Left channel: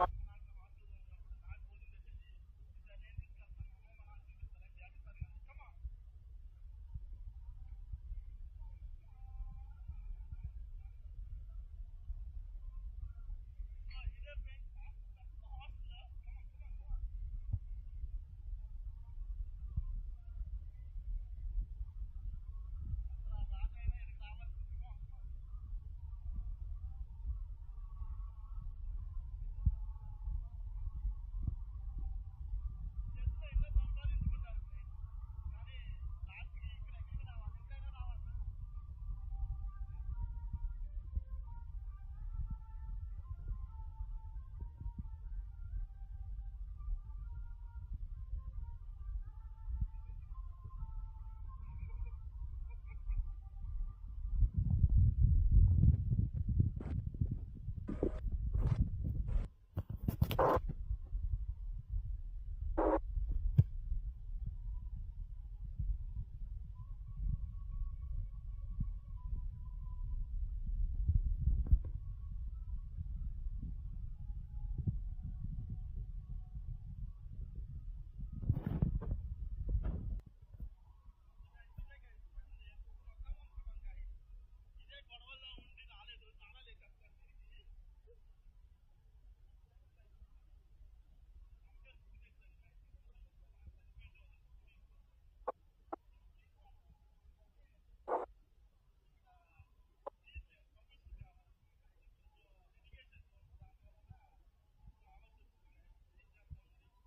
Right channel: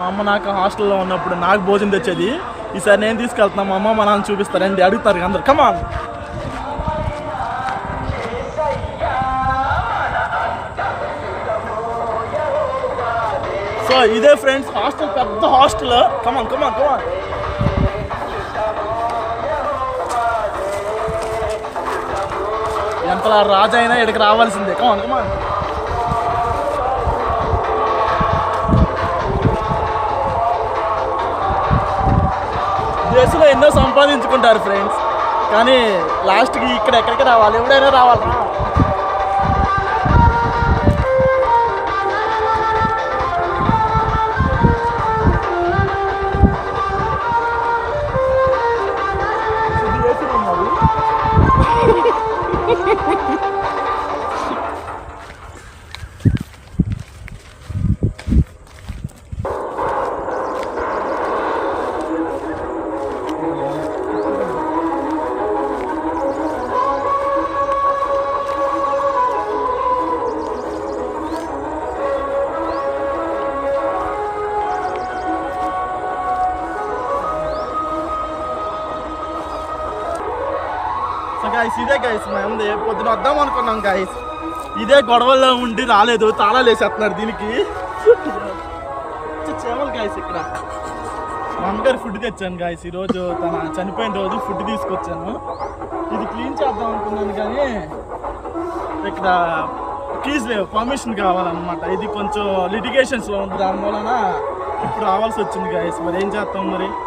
మా అమ్మ నాకు హాస్టల్లో ఉన్నప్పుడు నాకు భోజనం తెచ్చేది. ఈసారి నేను తీసుకెళ్తున్నా, మా అమ్మ మా నాన్న చూపిస్తారండి, అడుగుతారు అందరు కమాన్. సో ఇదే ఫ్రెండ్స్ హాస్టల్, పెద్ద హాస్టల్. కమాన్ కమాన్ కమాన్. ఎంతలా రాజు అయినా ఇక్కడికి రావాల్సిందే. కమాన్ కమాన్. దేశంలో ఎన్నో సంపాదించుకుంటారు ఫ్రెండ్స్, కానీ లాస్ట్కి ఇక్కడ ఎక్కడికి రావాలి, ఎవడైనా రావాలా. గాయస్ ఇదే గాయస్ మేము పొద్దున వద్దాం అనుకున్నాం గాయస్, ఇదే గొడవల్లో ఉండి రాలేదు, తాళాలు వేసేస్తున్నారు దీనికి. చేమలు గాయస్ ఇక్కడ. మా అమ్మగారు ఫుడ్ తెచ్చాను గాయస్, ఈరోజు తన చనిపోయిన రోజు ఫుడ్ తీసుకొచ్చాను. ఇది క్లీన్ చేద్దాం అనుకున్నాను కానీ ఇక్కడ కీస్ లేవు, పర్మిషన్ కావాలన్నమాట. ఇది కొంచెం లిటిగేషన్స్లో ఉంది, దాని వలన ఇప్పుడు రావాల్సి వచ్చింది గాయస్. మరి ఏం చేస్తాం మరి.